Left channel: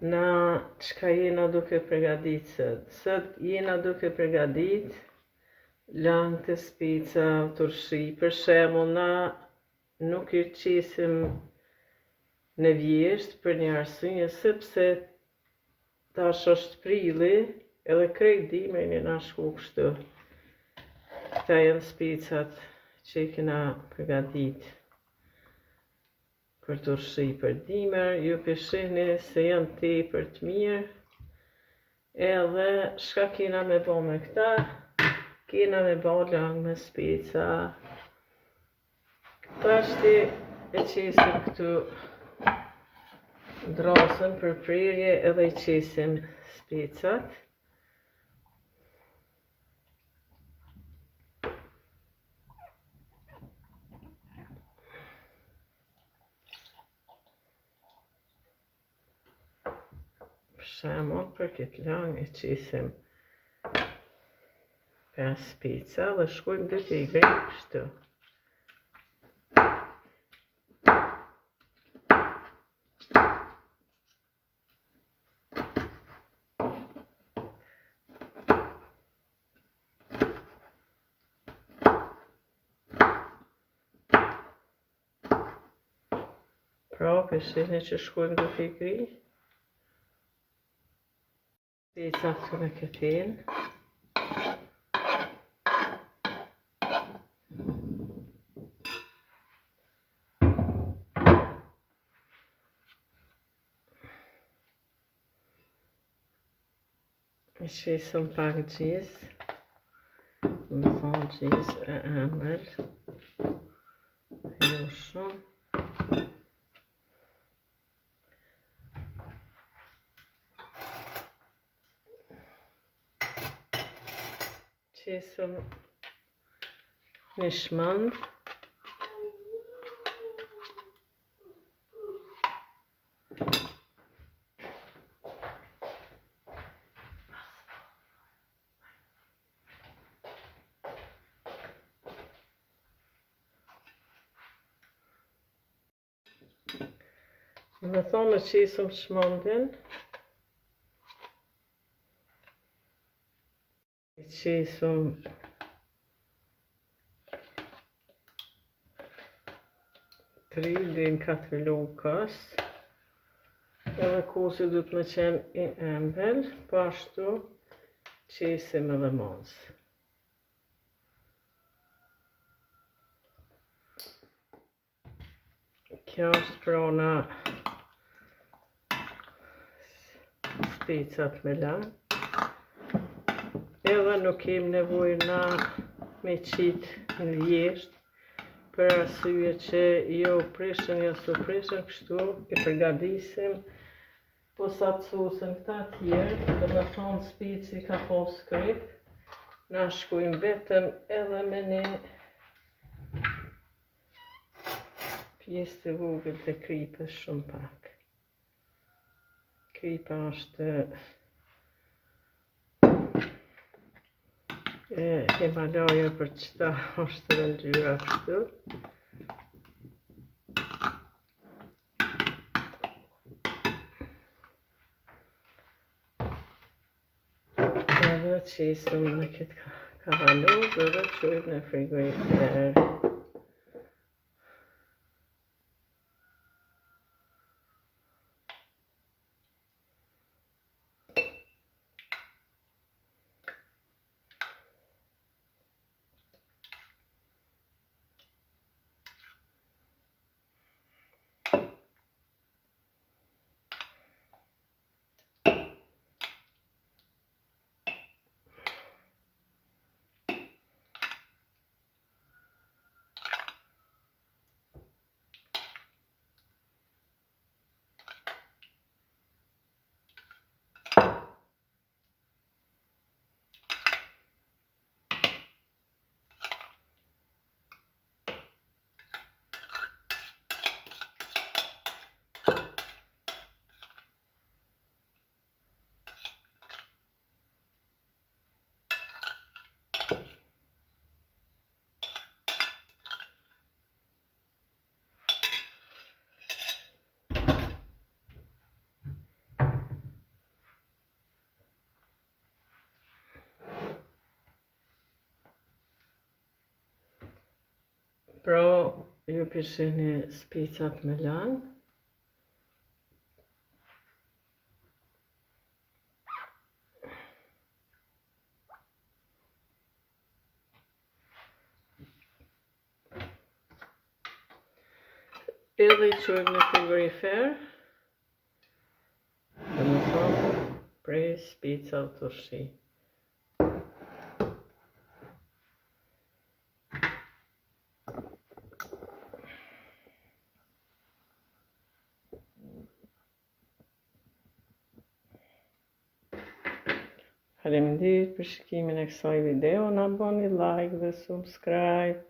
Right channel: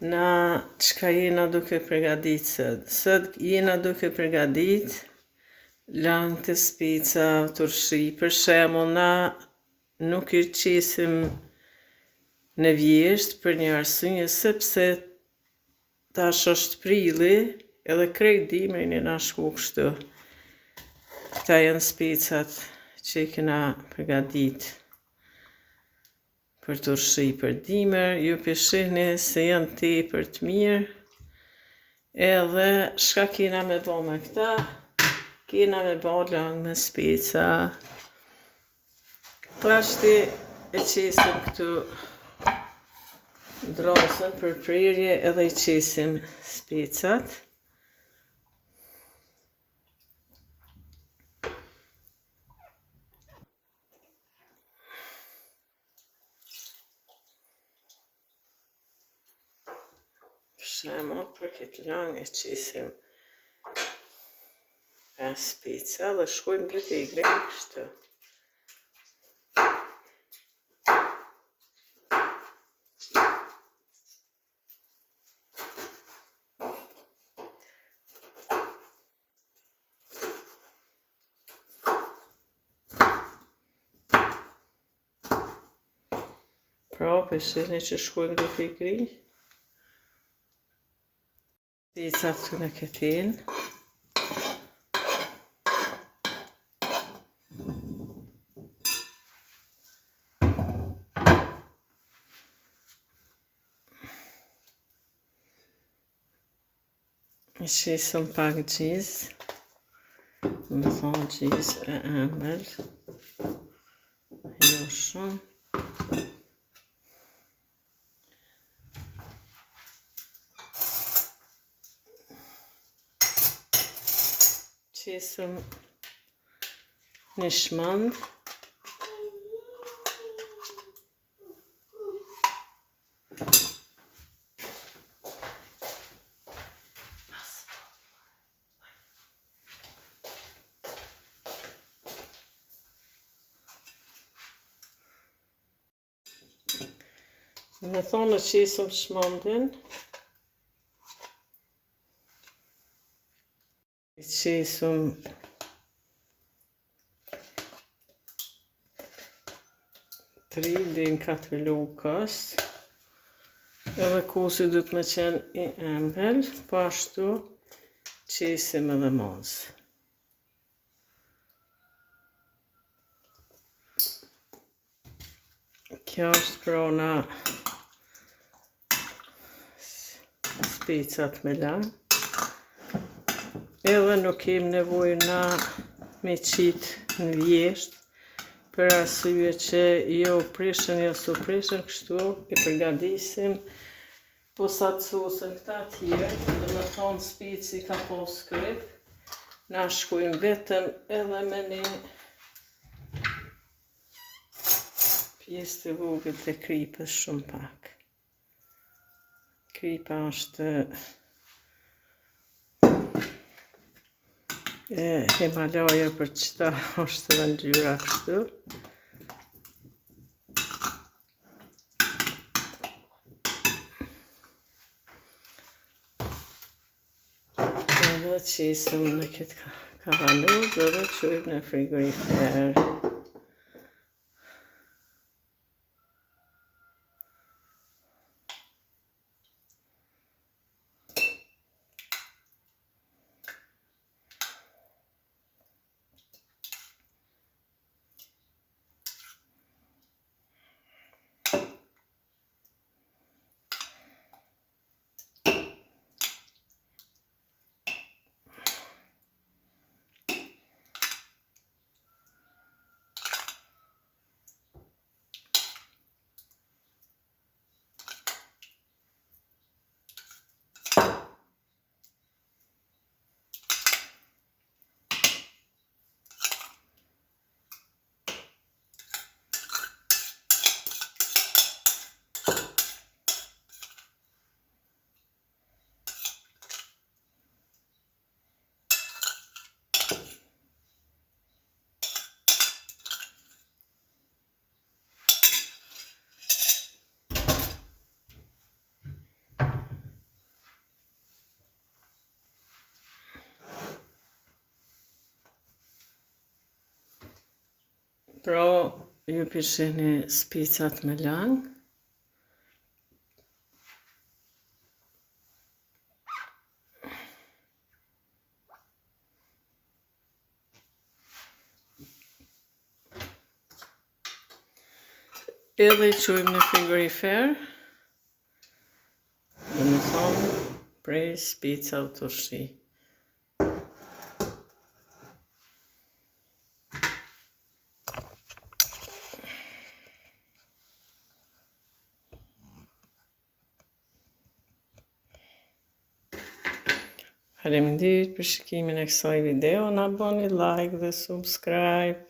Na çka jena duke përgadit sot? Sot jena duke përgadit lang të spica turshi. Për shembull, na nuk I qesim në vjesht për një arsye sepse tash është prilli edhe krejt dimrin jena shku kështu. Këta janë spicat që I kena përgadit për turshi për dimër, ju peshihni se janë tepër të mirë. Edhe shka kena me bo me këta? Kena me bo lang me speca. Pashti e qesim këtu drosën për prerje edhe I qesim specat. Për shembull, për këtë lang e qesim 5 speca dhe shkojmë dy tegër kështu. Pra, peshihni që shkojmë dy tegër. Specat këtu në këtin. I qesëm pak gjiz, më thonë gjiz e ëmbël, jo shumë. Qesëm një shmand. Më thonë qesëm shmandin. I qesëm 3 deri në 4 lukas. Edhe kosi duhet me qenë I ëmbël, po ashtu qesim edhe mos. Kjo është krona specat me lang. Edhe nuk kem nevojë na me qit në vjesht, për arsye që jo prishën, jo su prishën, kështu I përgatisim posat sosën këta tjerë, dhe me thonë speci ka pos kryp, na shkojmë vetëm edhe me një pjesë të vogël të kripës shumë pak. Kripa është Himalaja për qëta është dhe ndyra kështu. Edhe qesëm në këtë kavalur dhe qojmë në frigorifer. Pro, ju pishini spicat me lang. Edhe i quim në frigorifer. Dhe më thonë, prej spica u turshi. Faleminderit për shikimin e kësaj video, na bëni like dhe subscribe.